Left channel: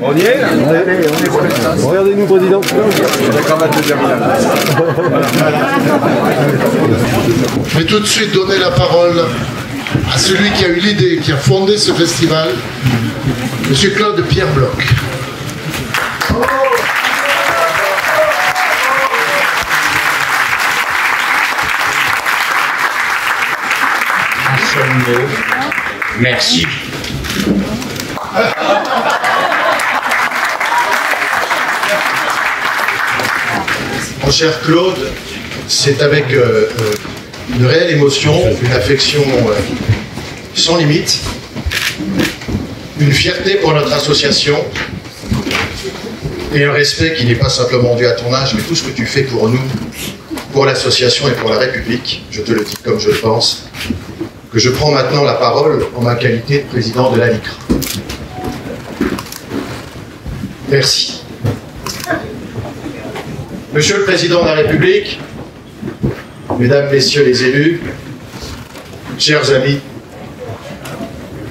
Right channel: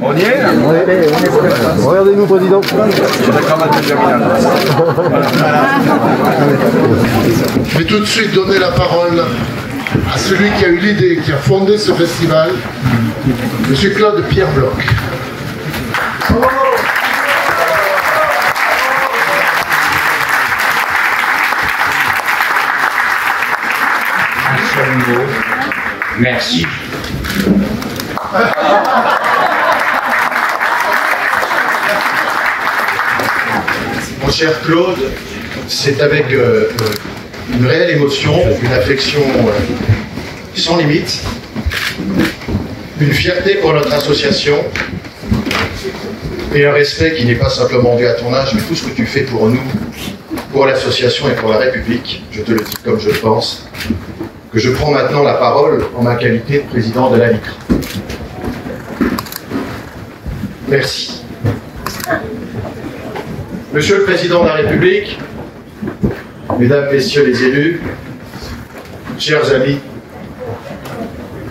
On y est? Allez, on est prêt. Regardez-nous, président. La cravate de Germinal. Je vais tout de suite donner la parole à celui qui a eu l'idée, qui a fondé ce festival, M. Claude Pierre Bloch. Merci. Mon cher Claude, c'est avec une réelle émotion, une affection sans limite, une fierté pour notre association et un respect qui n'est pas simplement dû à ton âge, mais tout ce que tu fais pour nous, pour l'association et pour la République, je te le dis comme je le pense, que je prends maintenant la parole en ma qualité de président de la LICRA. Merci. Monsieur le Président de la République, Mesdames, Messieurs les élus, chers amis,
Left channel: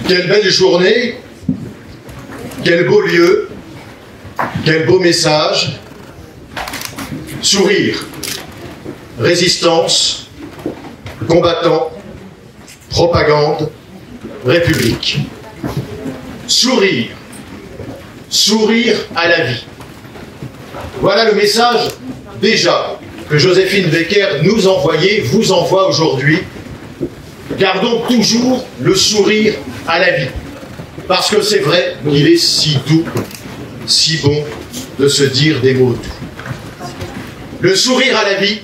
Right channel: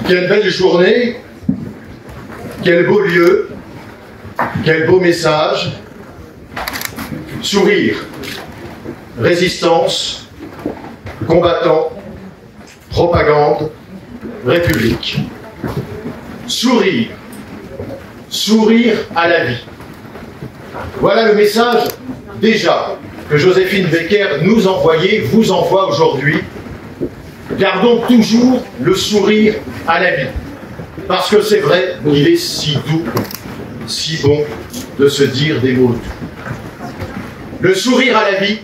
quelle belle journée, quel beau lieu, quel beau message, sourire, résistance, combattant, propagande, République. Sourire, sourire à la vie. Voilà le message déjà que Joséphine Baker nous envoyait, vous envoie aujourd'hui. Gardons toujours le sourire à la vie. Parce que c'est vrai, il est si doux, si bon de se dire des mots doux. Le sourire à la vie,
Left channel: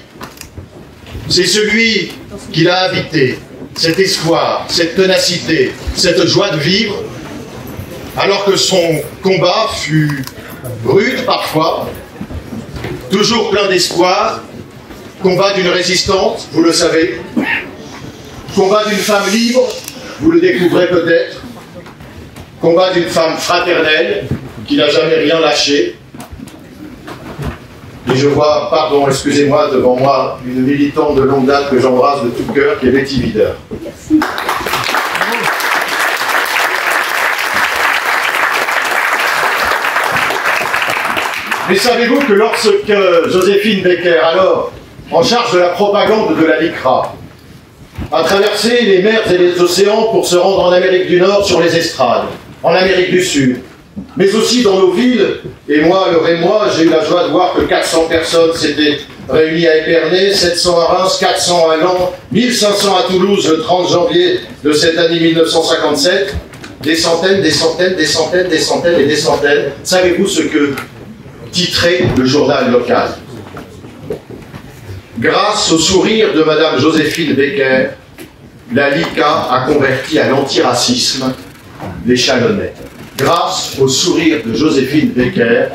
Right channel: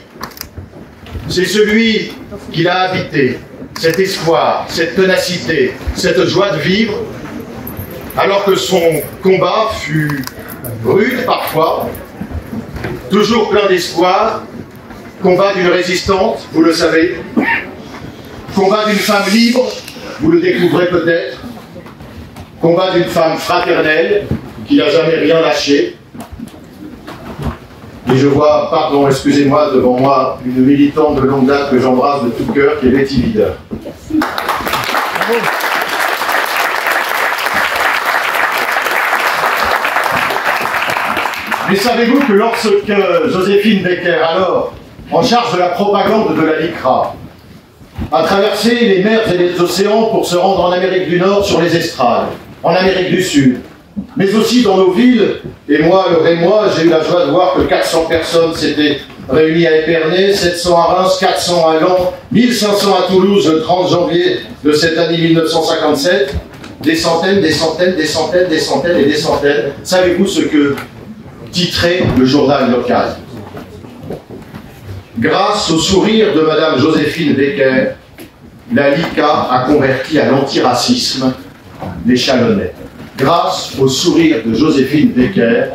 c'est celui qui l'a habité, cet espoir, cette ténacité, cette joie de vivre, alors que son combat fut rude parfois, toujours plein d'espoir, combat d'une résistante, vous le savez, combat d'une femme libre, vous le découvrez peut-être, combat d'une femme fraternelle, qui n'a jamais rien lâché. Et je vois, pardon, excusez-moi, devant moi, une militante de longue date que j'embrasse de tout cœur, qui est Betty Wider. Merci. Mais savez-vous que lorsque Joséphine Baker, alors en charge de la propagande de la LICRA, a traversé les mers et les océans pour se rendre en Amérique du Nord sur les estrades, en Amérique du Sud, mais aussi dans nos villes, et moi, le Rémois, j'ai eu la joie de voir que 400 personnes s'étaient réunies à Épernay, 700 à Reims, 400 à Lens, 1500 à Toulouse le 30 janvier de cette année 1957, des centaines, des centaines, des centaines, des centaines et des centaines. Savez-vous ce que titrait le journal local? Grâce au sourire de Madame Joséphine Baker, la LICRA a converti à l'antiracisme les Chalonnais. Grâce au sourire de Joséphine Baker,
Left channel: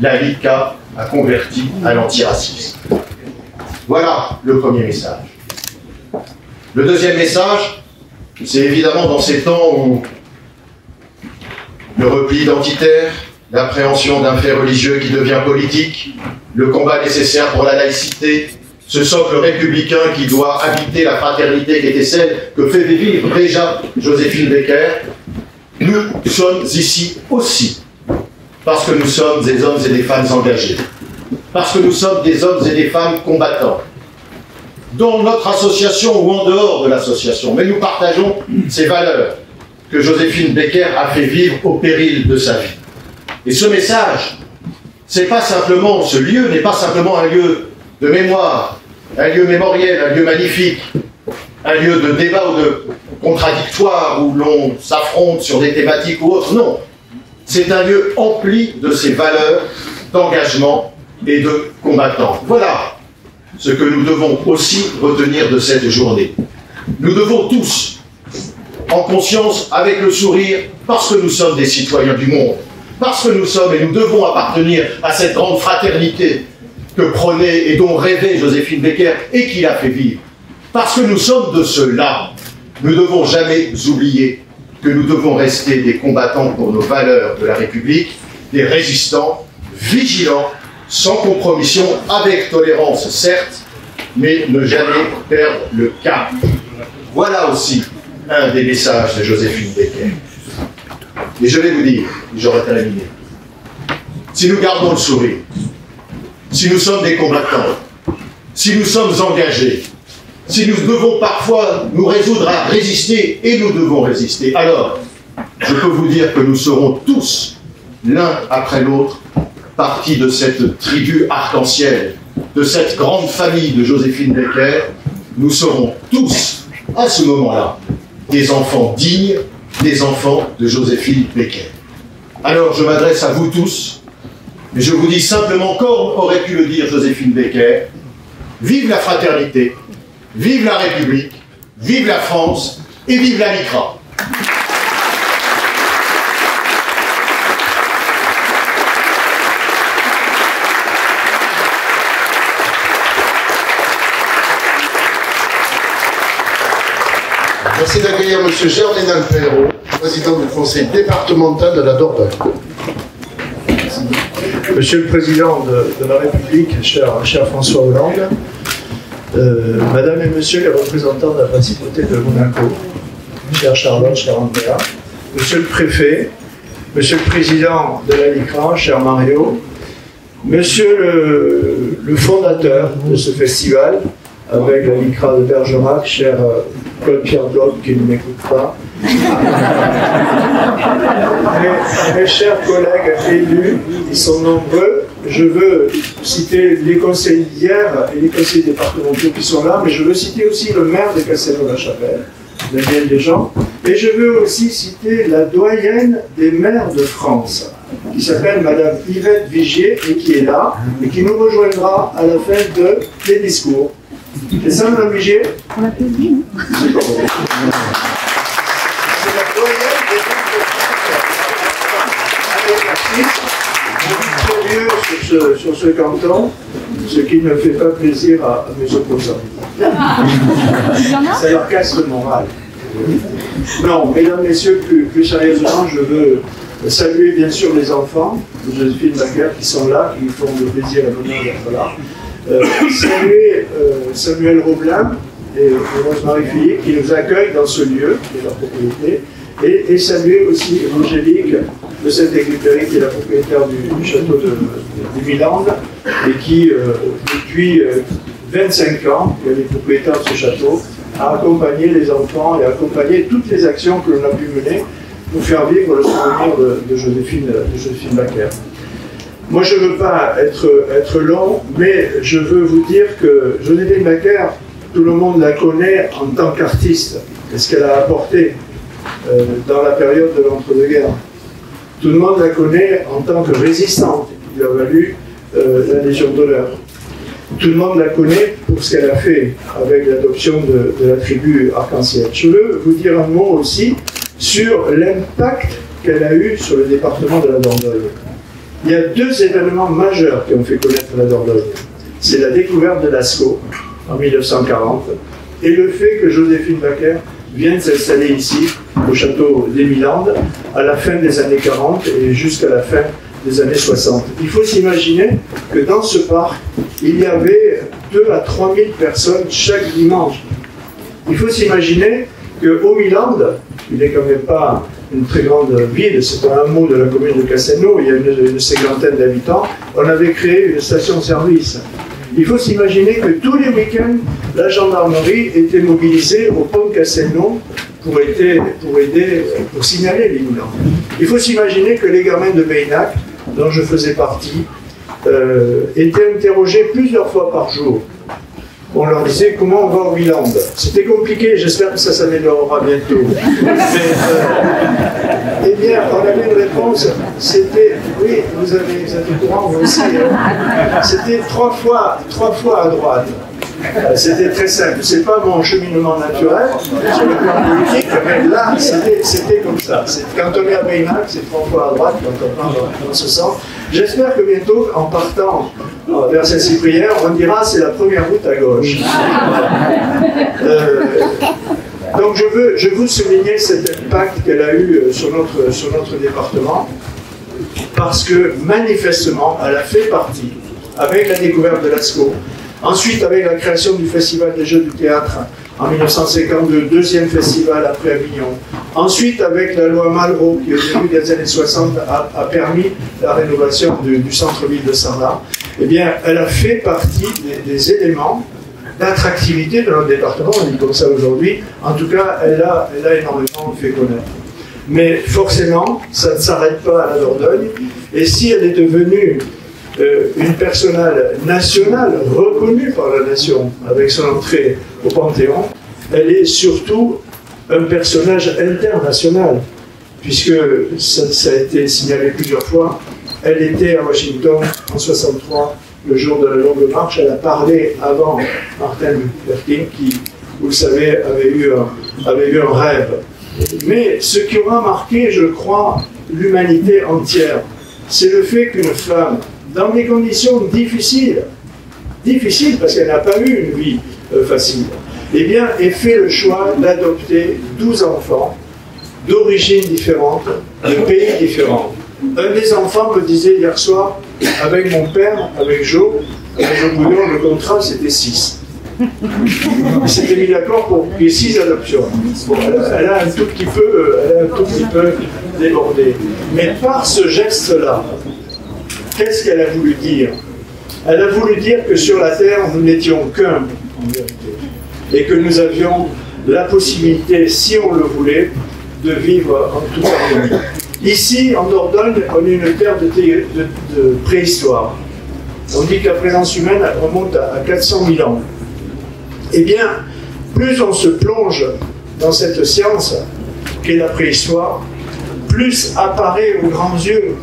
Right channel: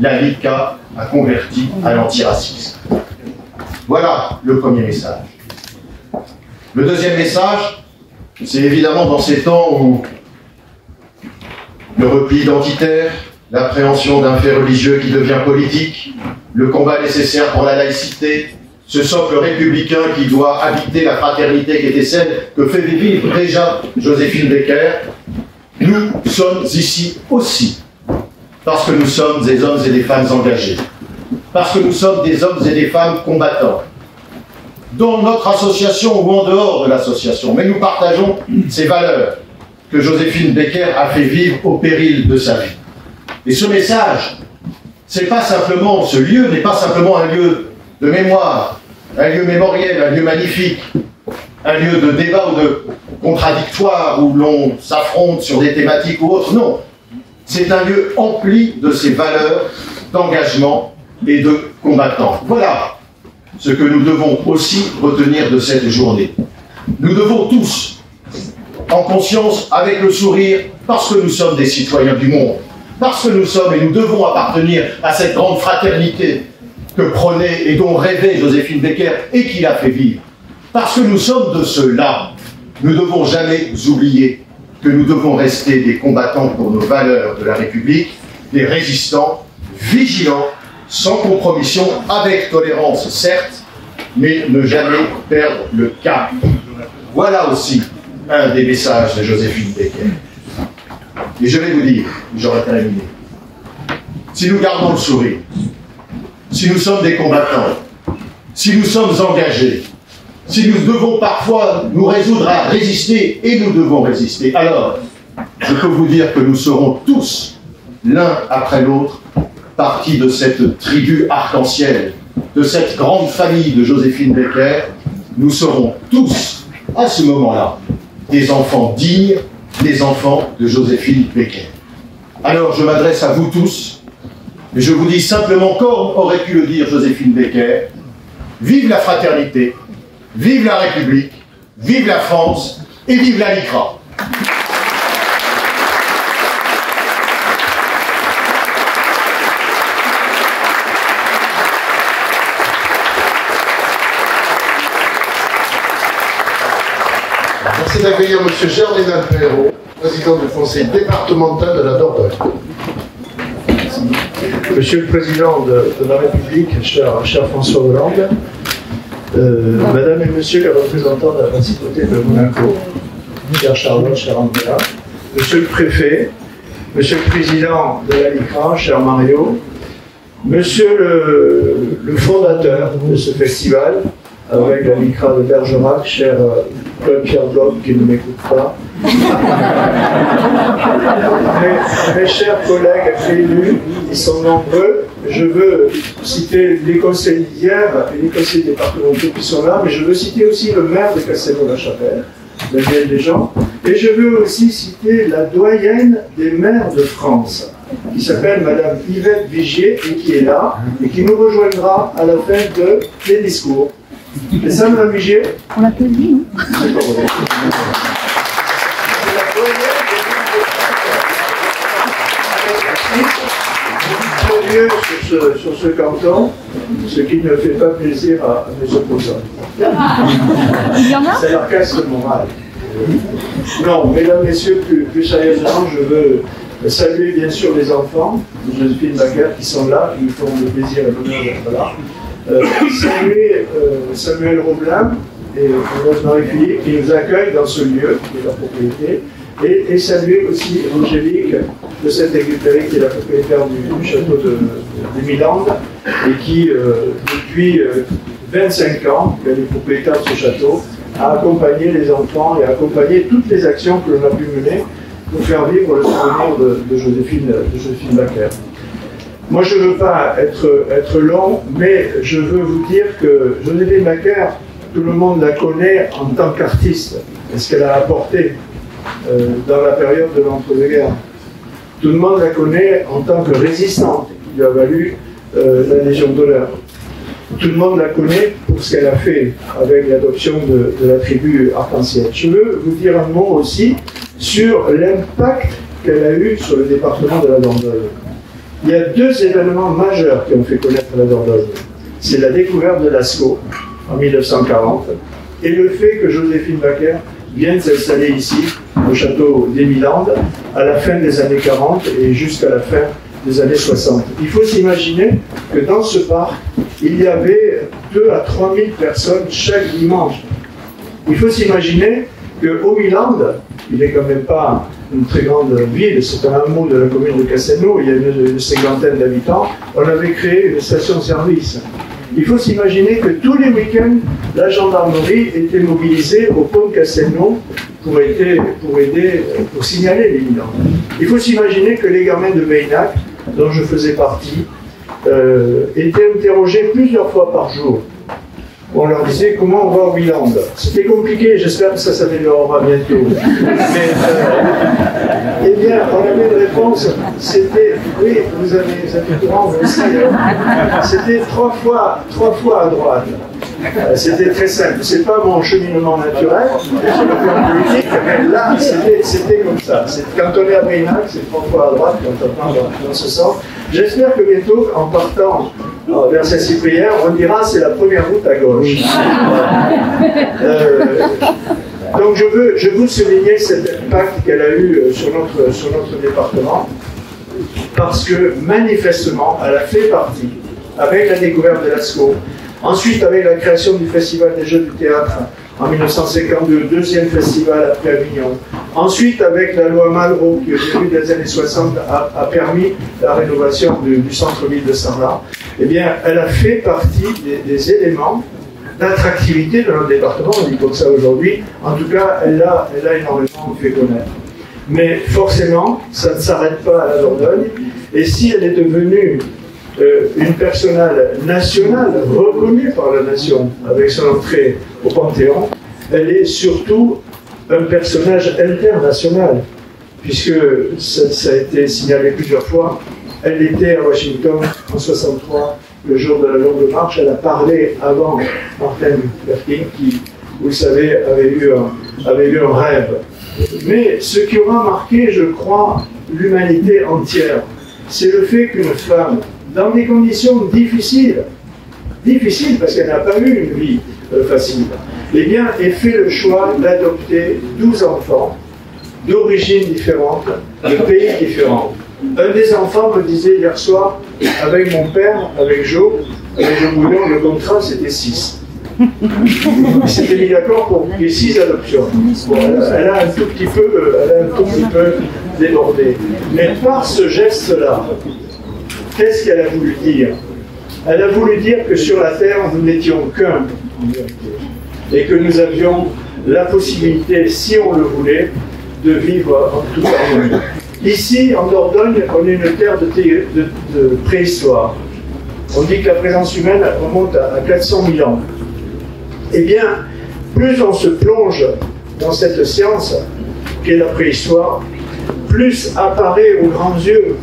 la LICRA a converti à l'antiracisme. Voilà le premier message. Le deuxième message, c'est évidemment dans ces temps où le repli identitaire, l'appréhension d'un fait religieux qui devient politique, le combat nécessaire pour la laïcité, ce socle républicain qui doit habiter la fraternité qui était celle que fait vivre déjà Joséphine Baker, nous sommes ici aussi parce que nous sommes des hommes et des femmes engagés, parce que nous sommes des hommes et des femmes combattants, dans notre association ou en dehors de l'association, mais nous partageons ces valeurs que Joséphine Baker a fait vivre au péril de sa vie. Et ce message, c'est pas simplement, ce lieu n'est pas simplement un lieu de mémoire, un lieu mémoriel, un lieu magnifique, un lieu de débat ou de contradictoire où l'on s'affronte sur des thématiques ou autres. Non, c'est un lieu empli de ces valeurs d'engagement et de combattants. Voilà ce que nous devons aussi retenir de cette journée. Nous devons tous, en conscience, avec le sourire, parce que nous sommes des citoyens du monde, parce que nous sommes et nous devons appartenir à cette grande fraternité que prônait et dont rêvait Joséphine Baker et qui l'a fait vivre. Parce que nous sommes de ceux-là, nous ne devons jamais oublier que nous devons rester des combattants pour nos valeurs de la République, des résistants, vigilants, sans compromission, avec tolérance certes, mais ne jamais perdre le cap. Voilà aussi un des messages de Joséphine Baker. Et je vais vous dire, j'aurai terminé, si nous gardons le sourire, si nous sommes des combattants, si nous sommes engagés, si nous devons parfois nous résoudre à résister, et nous devons résister, alors je peux vous dire que nous serons tous, l'un après l'autre, partie de cette tribu arc-en-ciel, de cette grande famille de Joséphine Baker. Nous serons tous, à ce moment-là, des enfants dignes, des enfants de Joséphine Baker. Alors je m'adresse à vous tous, et je vous dis simplement, comme aurait pu le dire Joséphine Baker, vive la fraternité, vive la République, vive la France, et vive la LICRA. Merci d'accueillir M. Germain Alpero, président du conseil départemental de la Dordogne. Monsieur le Président de la République, cher François Hollande, Madame et Monsieur les représentants de la principauté de Monaco, cher Charlotte, cher Andrea, Monsieur le Préfet, Monsieur le Président de la LICRA, cher Mario, Monsieur le fondateur de ce festival, avec la LICRA de Bergerac, cher Claude-Pierre Bloch, qui ne m'écoute pas. Mes chers collègues élus, ils sont nombreux. Je veux citer les conseils d'hier et les conseils départementaux qui sont là, mais je veux citer aussi le maire de Castelnau-la-Chapelle, Daniel Desjans, et je veux aussi citer la doyenne des maires de France, qui s'appelle Madame Yvette Vigier, et qui est là, et qui nous rejoindra à la fin des discours. C'est ça, Madame Vigier? On a plus dit, non? C'est pas vrai. Sur ce canton, ce qui ne fait pas plaisir à mes opposants. Ça leur casse le moral. Non, mesdames, messieurs, plus sérieusement, je veux saluer bien sûr les enfants de Joséphine Baker qui sont là, qui nous font le plaisir et l'honneur d'être là. Saluer Samuel Roblin et Rosemary Philippe qui nous accueillent dans ce lieu, qui est leur propriété, et saluer aussi Angélique de Saint-Exupéry, qui est la propriétaire du château de Milande, et qui, depuis 25 ans, elle est propriétaire de ce château, a accompagné les enfants et a accompagné toutes les actions que l'on a pu mener pour faire vivre le souvenir de Joséphine Baker. Moi, je ne veux pas être long, mais je veux vous dire que Joséphine Baker, tout le monde la connaît en tant qu'artiste, et ce qu'elle a apporté dans la période de l'entre-deux-guerres. Tout le monde la connaît en tant que résistante, qui lui a valu la Légion d'honneur. Tout le monde la connaît pour ce qu'elle a fait avec l'adoption de la tribu arc-en-ciel. Je veux vous dire un mot aussi sur l'impact qu'elle a eu sur le département de la Dordogne. Il y a deux événements majeurs qui ont fait connaître la Dordogne. C'est la découverte de Lascaux en 1940 et le fait que Joséphine Baker vienne s'installer ici, au château d'Émilandes, à la fin des années 40 et jusqu'à la fin des années 60. Il faut s'imaginer que dans ce parc, il y avait 2 à 3 000 personnes chaque dimanche. Il faut s'imaginer qu'au Milandes, il n'est quand même pas une très grande ville, c'est un hameau de la commune de Castelnau, il y a une cinquantaine d'habitants, on avait créé une station-service. Il faut s'imaginer que tous les week-ends, la gendarmerie était mobilisée au pont de Castelnau pour signaler les mineurs. Il faut s'imaginer que les gamins de Meynac, dont je faisais partie, étaient interrogés plusieurs fois par jour. On leur disait comment on va au Milandes. C'était compliqué, j'espère que ça s'améliorera bientôt. Mais, eh bien, on avait une réponse, c'était, oui, vous avez courant, vous le savez, c'était trois fois à droite. C'était très simple. C'est pas mon cheminement naturel sur le plan politique, mais là, c'était comme ça. Quand on est à Meynac, c'est 3 fois à droite, quand on part dans ce sens. J'espère que bientôt, en partant vers Saint-Cyprien, on dira c'est la première route à gauche. Donc je veux souligner cet impact qu'elle a eu sur notre département, parce que manifestement, elle a fait partie, avec la découverte de Lascaux, ensuite avec la création du Festival des Jeux du Théâtre En 1952, deuxième festival après Avignon. Ensuite, avec la loi Malraux, qui au début des années 60 a permis la rénovation du centre-ville de Saint-Marc, eh bien, elle a fait partie des éléments d'attractivité de notre département, on dit comme ça aujourd'hui. En tout cas, elle a énormément fait connaître. Mais forcément, ça ne s'arrête pas à la Dordogne. Et si elle est devenue une personnale nationale, reconnue par la nation, avec son entrée au Panthéon, elle est surtout un personnage international, puisque ça a été signalé plusieurs fois. Elle était à Washington en 1963, le jour de la Longue Marche. Elle a parlé avant Martin Luther King, qui, vous le savez, avait eu un rêve. Mais ce qui aura marqué, je crois, l'humanité entière, c'est le fait qu'une femme, dans des conditions difficiles parce qu'elle n'a pas eu une vie facile, eh bien, ait fait le choix d'adopter 12 enfants d'origines différentes, de pays différents. Un des enfants me disait hier soir, avec mon père, avec Joe Bouillon, le contrat c'était 6. Il s'était mis d'accord pour qu'il y ait 6 adoptions. Bon, elle a un tout petit peu débordé. Mais par ce geste-là, qu'est-ce qu'elle a voulu dire? Elle a voulu dire que sur la Terre, nous n'étions qu'un, et que nous avions la possibilité, si on le voulait, de vivre en toute harmonie. Ici, en Dordogne, on est une terre de préhistoire. On dit que la présence humaine remonte à 400 000 ans. Eh bien, plus on se plonge dans cette science qu'est la préhistoire, plus apparaît aux grands yeux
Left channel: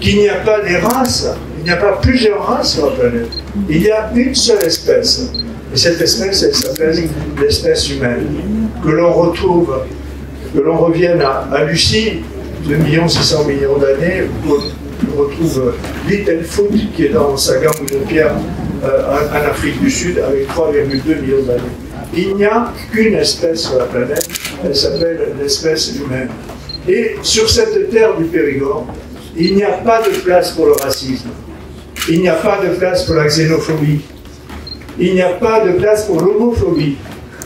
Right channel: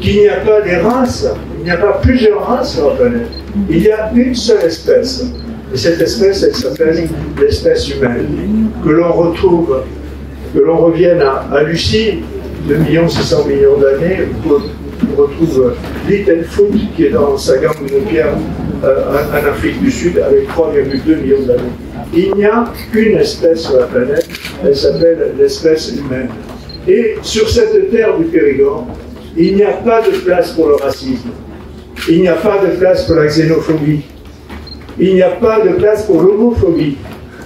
qu'il n'y a pas des races, il n'y a pas plusieurs races sur la planète. Il y a une seule espèce. Et cette espèce, elle s'appelle l'espèce humaine. Que l'on retrouve, que l'on revienne à Lucie, 2 600 000 000 d'années, on retrouve Littlefoot, qui est dans Saga Mounopia, en Afrique du Sud, avec 3,2 millions d'années. Il n'y a qu'une espèce sur la planète, elle s'appelle l'espèce humaine. Et sur cette terre du Périgord, il n'y a pas de place pour le racisme, il n'y a pas de place pour la xénophobie, il n'y a pas de place pour l'homophobie,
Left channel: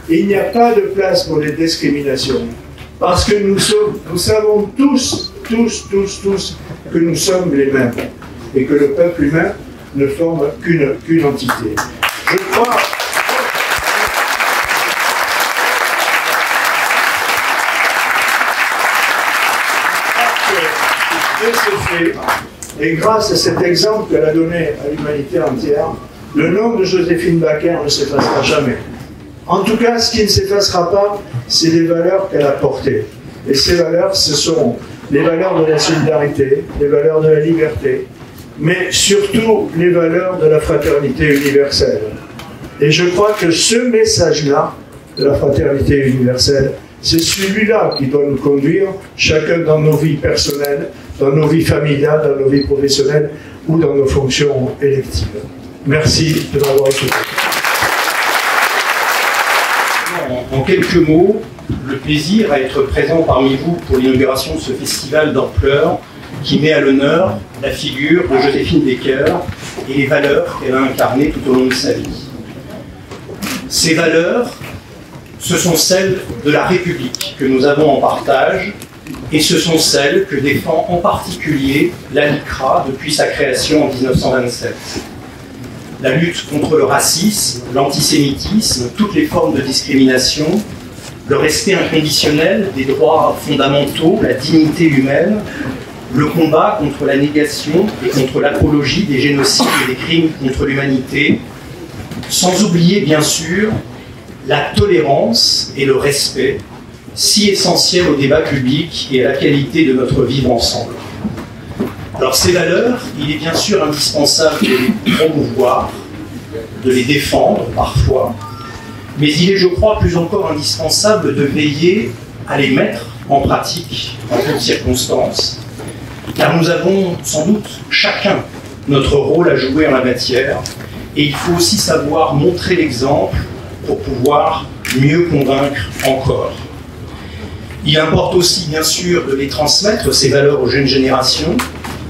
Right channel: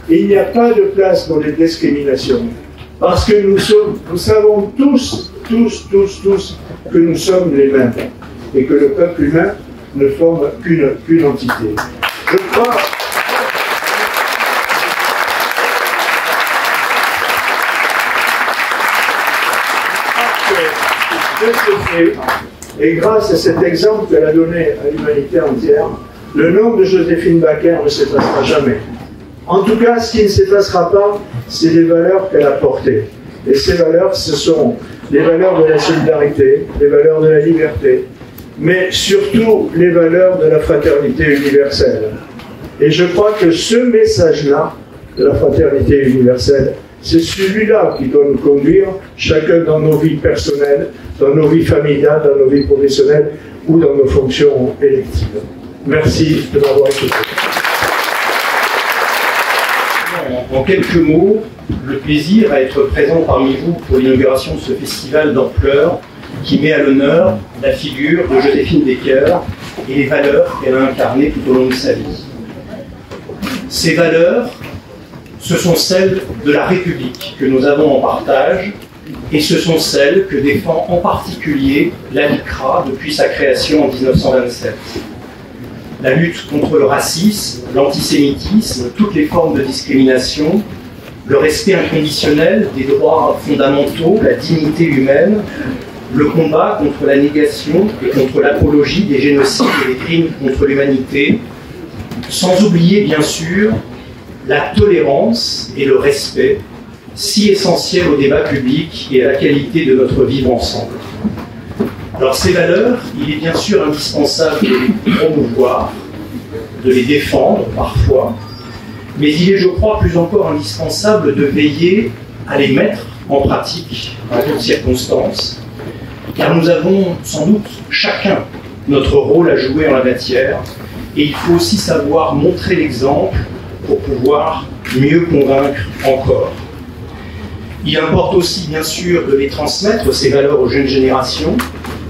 il n'y a pas de place pour les discriminations. Parce que nous savons tous que nous sommes les mêmes et que le peuple humain ne forme qu'une entité. Je crois que de ce fait, et grâce à cet exemple qu'elle a donné à l'humanité entière, le nom de Joséphine Baker ne s'effacera jamais. En tout cas, ce qui ne s'effacera pas, c'est les valeurs qu'elle a portées. Et ces valeurs, ce sont les valeurs de la solidarité, les valeurs de la liberté, mais surtout les valeurs de la fraternité universelle. Et je crois que ce message-là, de la fraternité universelle, c'est celui-là qui doit nous conduire, chacun dans nos vies personnelles, dans nos vies familiales, dans nos vies professionnelles ou dans nos fonctions électives. Merci de m'avoir écouté. En quelques mots, le plaisir à être présent parmi vous pour l'inauguration de ce festival d'ampleur qui met à l'honneur la figure de Joséphine Baker et les valeurs qu'elle a incarnées tout au long de sa vie. Ces valeurs, ce sont celles de la République que nous avons en partage et ce sont celles que défend en particulier la LICRA depuis sa création en 1927. La lutte contre le racisme, l'antisémitisme, toutes les formes de discrimination, le respect inconditionnel des droits fondamentaux, la dignité humaine, le combat contre la négation et contre l'apologie des génocides et des crimes contre l'humanité, sans oublier bien sûr la tolérance et le respect, si essentiels au débat public et à la qualité de notre vivre ensemble. Alors ces valeurs, il est bien sûr indispensable de les promouvoir, de les défendre parfois, mais il est, je crois, plus encore indispensable de veiller à les mettre en pratique en toutes circonstances, car nous avons sans doute chacun notre rôle à jouer en la matière, et il faut aussi savoir montrer l'exemple pour pouvoir mieux convaincre encore. Il importe aussi, bien sûr, de les transmettre, ces valeurs, aux jeunes générations,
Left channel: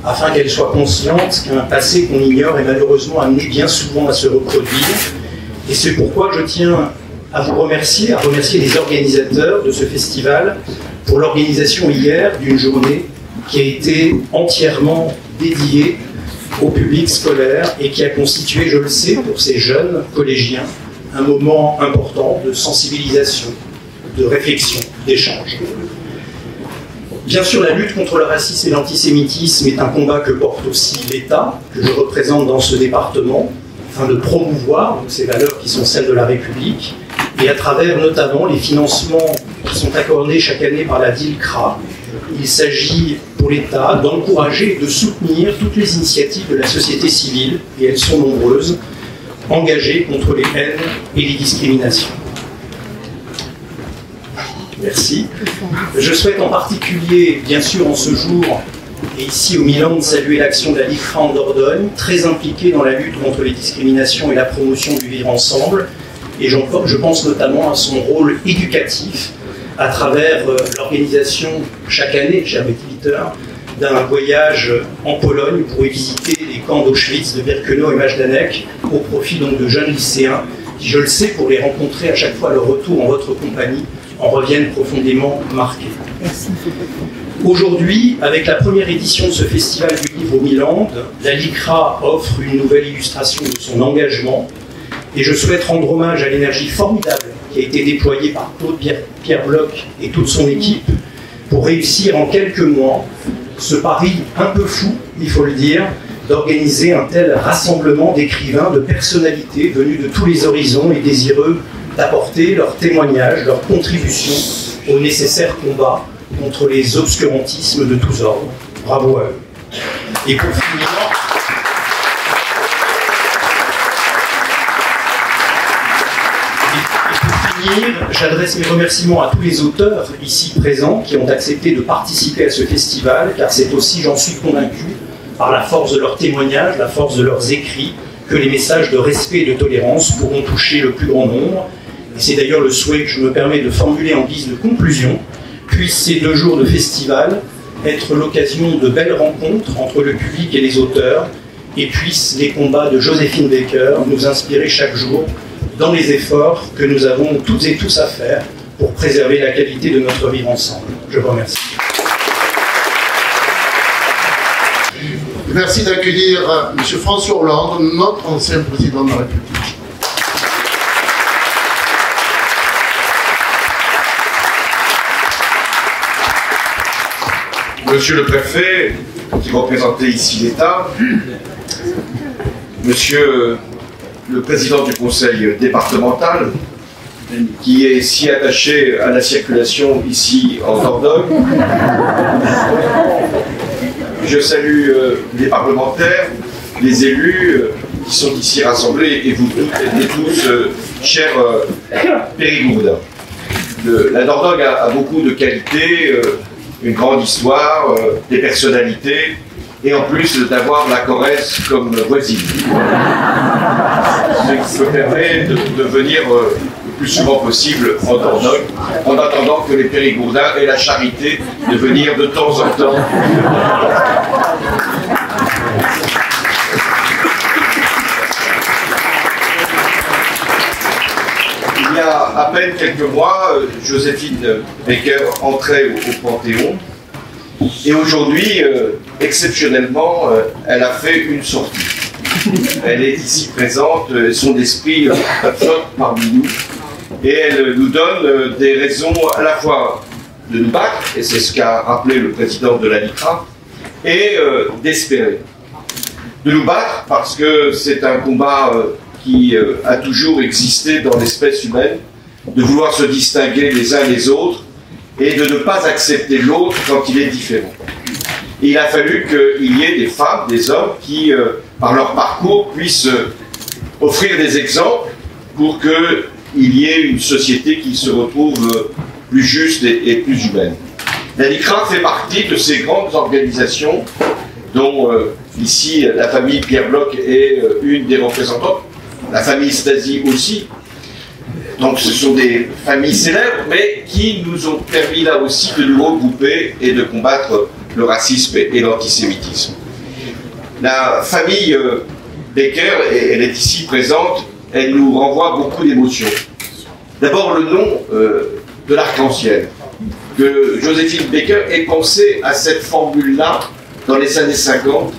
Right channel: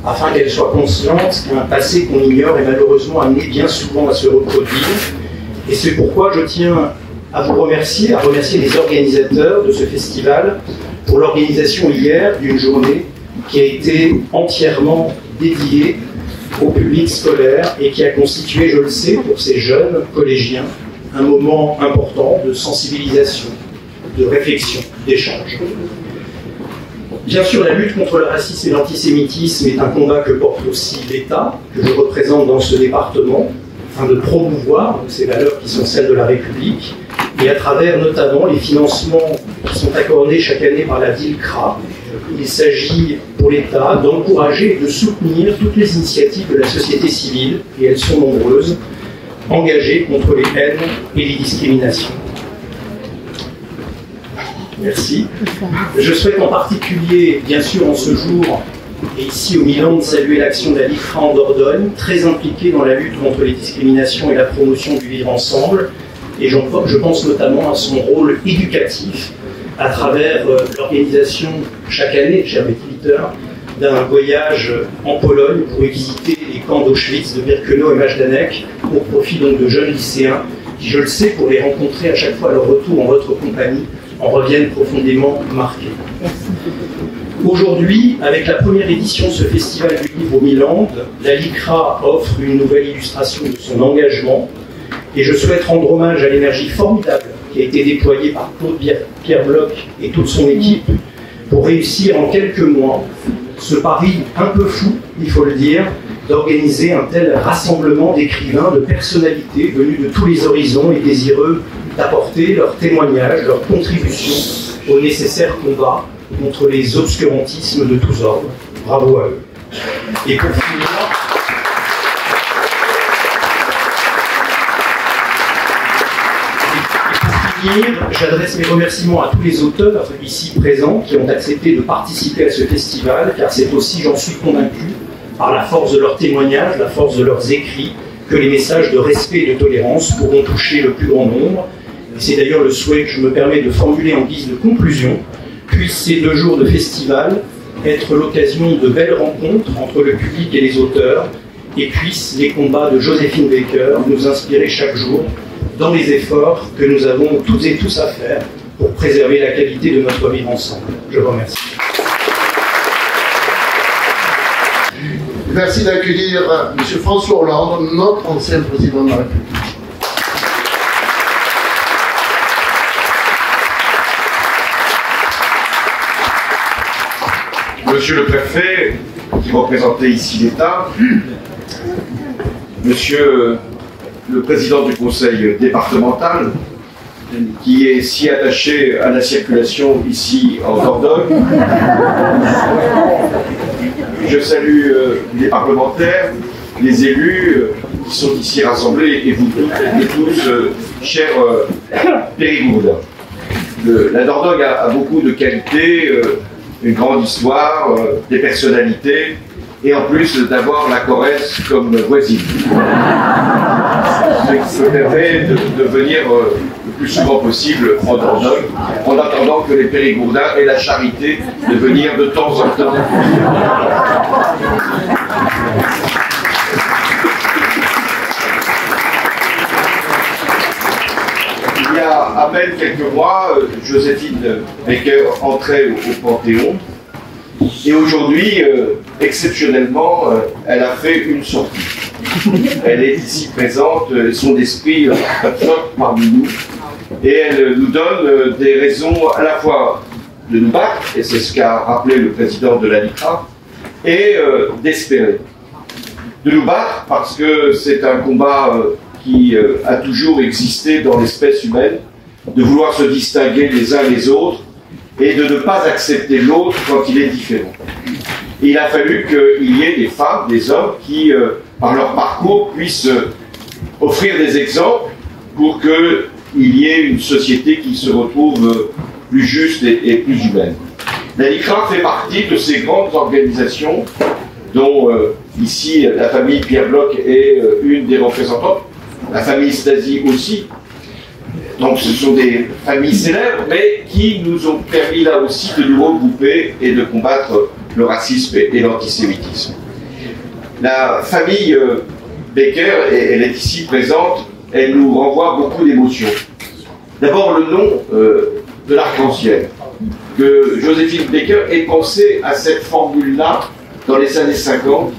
afin qu'elles soient conscientes qu'un passé qu'on ignore est malheureusement amené bien souvent à se reproduire. Et c'est pourquoi je tiens à vous remercier, à remercier les organisateurs de ce festival pour l'organisation hier d'une journée qui a été entièrement dédiée au public scolaire et qui a constitué, je le sais, pour ces jeunes collégiens, un moment important de sensibilisation, de réflexion, d'échange. Bien sûr, la lutte contre le racisme et l'antisémitisme est un combat que porte aussi l'État, que je représente dans ce département, afin de promouvoir donc, ces valeurs qui sont celles de la République, et à travers notamment les financements qui sont accordés chaque année par la DILCRA. Il s'agit pour l'État d'encourager et de soutenir toutes les initiatives de la société civile, et elles sont nombreuses, engagées contre les haines et les discriminations. Merci. Je souhaite en particulier, bien sûr en ce jour, et ici au Milan, de saluer l'action de la DILCRA en Dordogne, très impliquée dans la lutte contre les discriminations et la promotion du vivre ensemble, et je pense notamment à son rôle éducatif à travers l'organisation chaque année, cher Peter, d'un voyage en Pologne pour visiter les camps d'Auschwitz, de Birkenau et Majdanek, au profit donc de jeunes lycéens qui, je le sais, pour les rencontrer à chaque fois à leur retour en votre compagnie, en reviennent profondément marqués. Merci. Aujourd'hui, avec la première édition de ce festival du livre au Milan, la LICRA offre une nouvelle illustration de son engagement, et je souhaite rendre hommage à l'énergie formidable qui a été déployée par Claude Pierre Bloch et toute son équipe pour réussir en quelques mois ce pari un peu fou, il faut le dire, d'organiser un tel rassemblement d'écrivains, de personnalités venues de tous les horizons et désireux d'apporter leur témoignage, leur contribution au nécessaire combat contre les obscurantismes de tous ordres. Bravo à eux. Et pour finir, j'adresse mes remerciements à tous les auteurs ici présents qui ont accepté de participer à ce festival, car c'est aussi, j'en suis convaincu, par la force de leurs témoignages, la force de leurs écrits, que les messages de respect et de tolérance pourront toucher le plus grand nombre. Et c'est d'ailleurs le souhait que je me permets de formuler en guise de conclusion. Puissent ces 2 jours de festival être l'occasion de belles rencontres entre le public et les auteurs, et puissent les combats de Joséphine Baker nous inspirer chaque jour dans les efforts que nous avons toutes et tous à faire pour préserver la qualité de notre vivre ensemble. Je vous remercie. Merci d'accueillir M. François Hollande, notre ancien président de la République. Monsieur le préfet, qui représentait ici l'État, monsieur le président du conseil départemental, qui est si attaché à la circulation ici en Dordogne. Je salue les parlementaires, les élus qui sont ici rassemblés, et vous toutes et tous, chers Périgourdins. La Dordogne a beaucoup de qualités, une grande histoire, des personnalités, et en plus d'avoir la Corrèze comme voisine. Ce qui me permet de venir le plus souvent possible en Dordogne, en attendant que les Périgourdins aient la charité de venir de temps en temps. Il y a à peine quelques mois, Joséphine Baker entrait au Panthéon. Et aujourd'hui, exceptionnellement, elle a fait une sortie. Elle est ici présente, son esprit flotte parmi nous. Et elle nous donne des raisons à la fois de nous battre, et c'est ce qu'a rappelé le président de la LICRA, et d'espérer. De nous battre parce que c'est un combat qui a toujours existé dans l'espèce humaine, de vouloir se distinguer les uns les autres, et de ne pas accepter l'autre quand il est différent. Et il a fallu qu'il y ait des femmes, des hommes qui, par leur parcours, puissent offrir des exemples pour qu'il y ait une société qui se retrouve plus juste et plus humaine. La LICRA fait partie de ces grandes organisations dont ici la famille Pierre Bloch est une des représentantes, la famille Stasi aussi. Donc ce sont des familles célèbres, mais qui nous ont permis là aussi de nous regrouper et de combattre le racisme et l'antisémitisme. La famille Baker, elle est ici présente, elle nous renvoie beaucoup d'émotions. D'abord le nom de l'arc-en-ciel, que Joséphine Baker ait pensé à cette formule-là dans les années 50,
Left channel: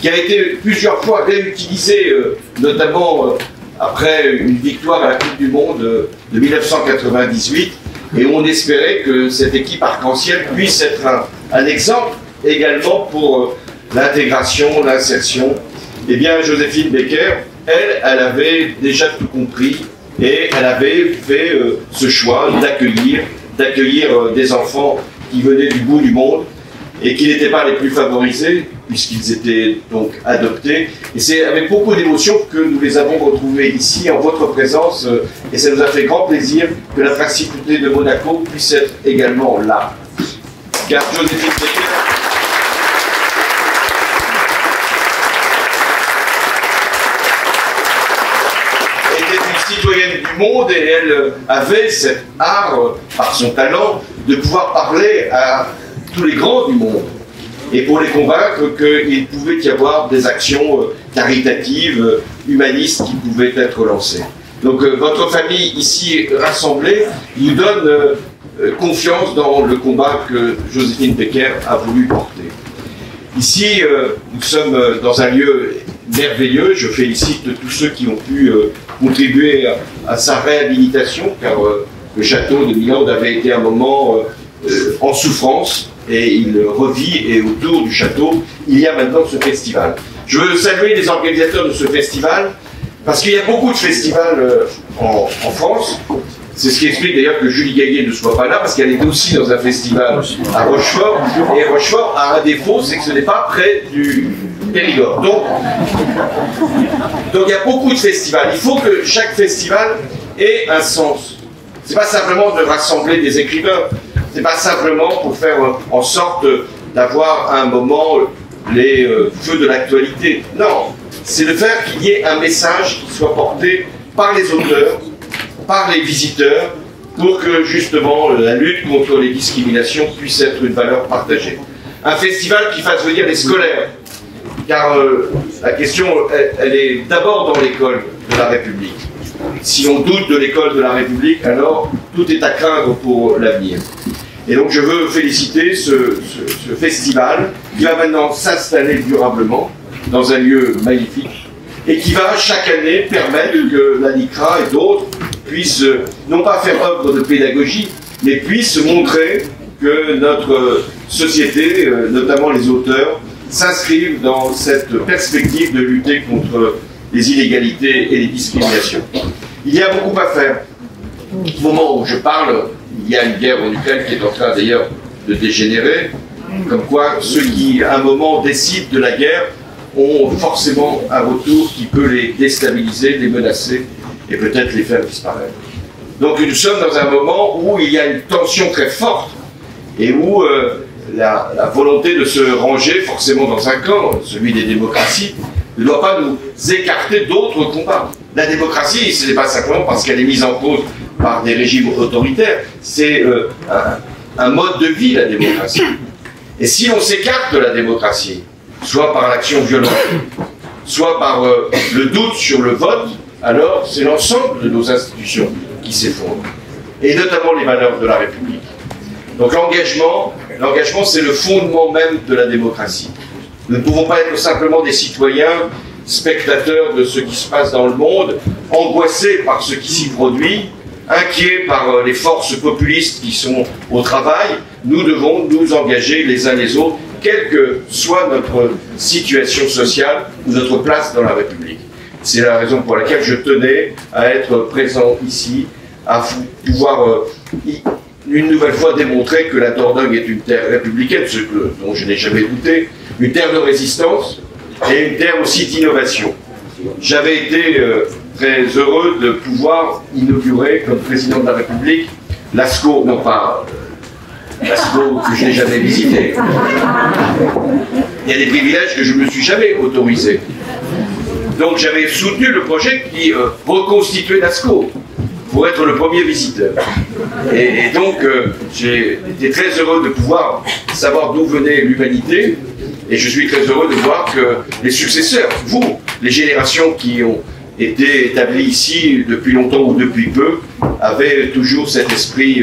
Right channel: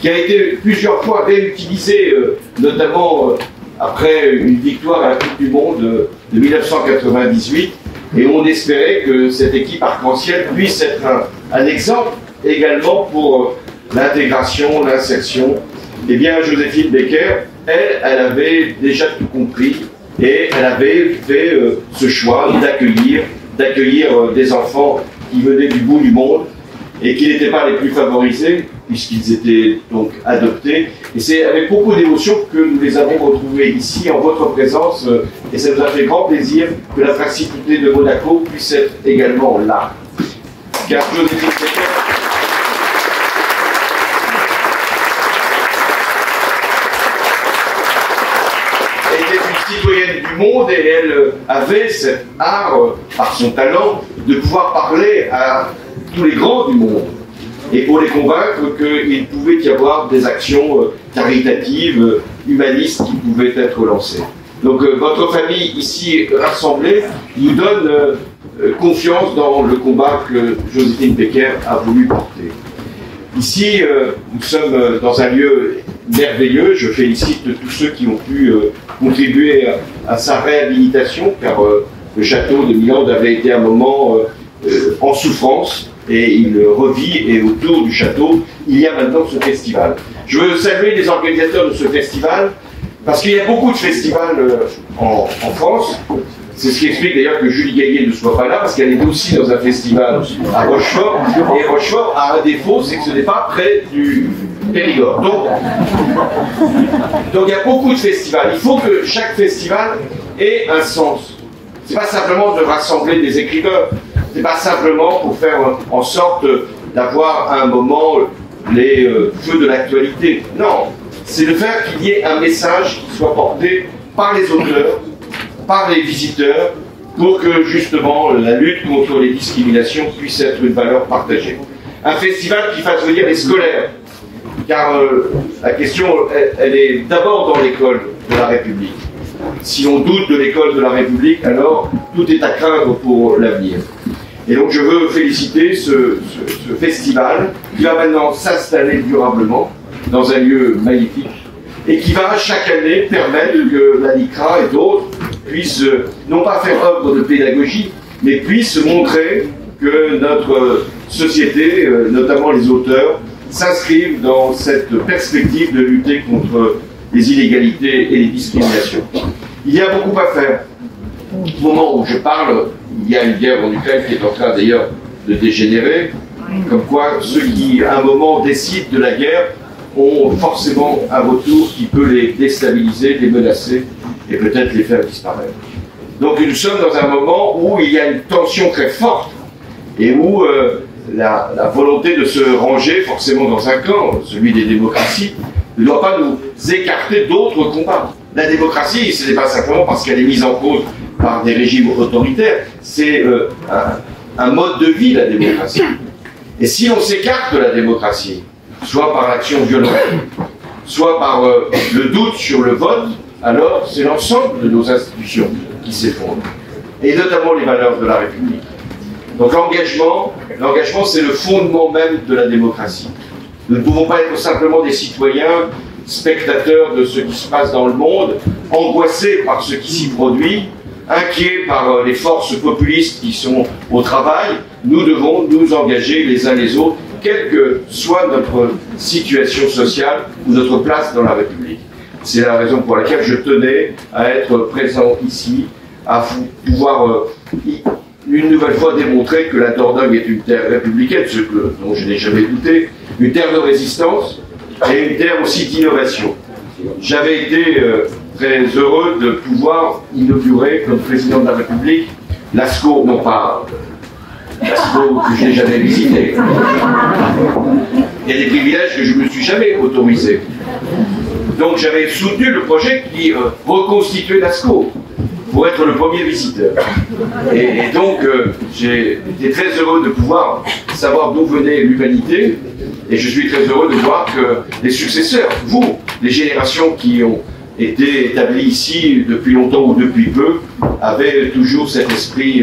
qui a été plusieurs fois réutilisée, notamment après une victoire à la Coupe du Monde de 1998, et on espérait que cette équipe arc-en-ciel puisse être un exemple également pour l'intégration, l'insertion. Eh bien, Joséphine Baker, elle avait déjà tout compris, et elle avait fait ce choix d'accueillir des enfants qui venaient du bout du monde et qui n'étaient pas les plus favorisés, puisqu'ils étaient donc adoptés. Et c'est avec beaucoup d'émotion que nous les avons retrouvés ici, en votre présence, et ça nous a fait grand plaisir que la principauté de Monaco puisse être également là. Car Joséphine Baker était une citoyenne du monde, et elle avait cet art, par son talent, de pouvoir parler à tous les grands du monde, et pour les convaincre qu'il pouvait y avoir des actions caritatives, humanistes qui pouvaient être lancées. Donc votre famille ici rassemblée nous donne confiance dans le combat que Joséphine Baker a voulu porter. Ici, nous sommes dans un lieu merveilleux. Je félicite tous ceux qui ont pu contribuer à sa réhabilitation, car le château de Milande avait été un moment en souffrance, et il revit, et autour du château, il y a maintenant ce festival. Je veux saluer les organisateurs de ce festival, parce qu'il y a beaucoup de festivals en France. C'est ce qui explique d'ailleurs que Julie Gaillet ne soit pas là, parce qu'elle était aussi dans un festival à Rochefort, et Rochefort a un défaut, c'est que ce n'est pas près du Périgord. Donc il y a beaucoup de festivals. Il faut que chaque festival ait un sens. C'est pas simplement de rassembler des écrivains, c'est pas simplement pour faire en sorte d'avoir à un moment les feux de l'actualité. Non, c'est de faire qu'il y ait un message qui soit porté par les auteurs, par les visiteurs, pour que justement la lutte contre les discriminations puisse être une valeur partagée. Un festival qui fasse venir les scolaires, car la question, elle est d'abord dans l'école de la République. Si on doute de l'école de la République, alors tout est à craindre pour l'avenir. Et donc je veux féliciter ce festival qui va maintenant s'installer durablement dans un lieu magnifique et qui va chaque année permettre que la LICRA et d'autres puissent non pas faire œuvre de pédagogie, mais puissent montrer que notre société, notamment les auteurs, s'inscrivent dans cette perspective de lutter contre les inégalités et les discriminations. Il y a beaucoup à faire. Au moment où je parle, il y a une guerre en Ukraine qui est en train d'ailleurs de dégénérer, comme quoi ceux qui à un moment décident de la guerre ont forcément un retour qui peut les déstabiliser, les menacer et peut-être les faire disparaître. Donc nous sommes dans un moment où il y a une tension très forte et où la volonté de se ranger forcément dans un camp, celui des démocraties, ne doit pas nous écarter d'autres combats. La démocratie, ce n'est pas simplement parce qu'elle est mise en cause par des régimes autoritaires, c'est un mode de vie, la démocratie. Et si on s'écarte de la démocratie, soit par l'action violente, soit par le doute sur le vote, alors c'est l'ensemble de nos institutions qui s'effondrent, et notamment les valeurs de la République. Donc l'engagement, c'est le fondement même de la démocratie. Nous ne pouvons pas être simplement des citoyens, spectateurs de ce qui se passe dans le monde, angoissés par ce qui s'y produit, inquiets par les forces populistes qui sont au travail. Nous devons nous engager les uns les autres, quelle que soit notre situation sociale ou notre place dans la République. C'est la raison pour laquelle je tenais à être présent ici, à pouvoir une nouvelle fois démontrer que la Dordogne est une terre républicaine, ce dont je n'ai jamais douté, une terre de résistance et une terre aussi d'innovation. J'avais été très heureux de pouvoir inaugurer comme président de la République l'ASCO, non pas l'ASCO que je n'ai jamais visité. Il y a des privilèges que je ne me suis jamais autorisé. Donc j'avais soutenu le projet qui reconstituait l'ASCO pour être le premier visiteur. Et donc j'ai été très heureux de pouvoir savoir d'où venait l'humanité, et je suis très heureux de voir que les successeurs, vous, les générations qui ont été établies ici depuis longtemps ou depuis peu, avait toujours cet esprit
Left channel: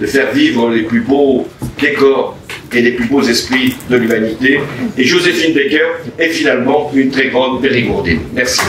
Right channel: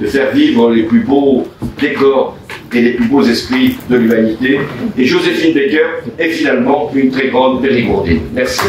de faire vivre les plus beaux décors et les plus beaux esprits de l'humanité. Et Joséphine Baker est finalement une très grande périgourdine. Merci.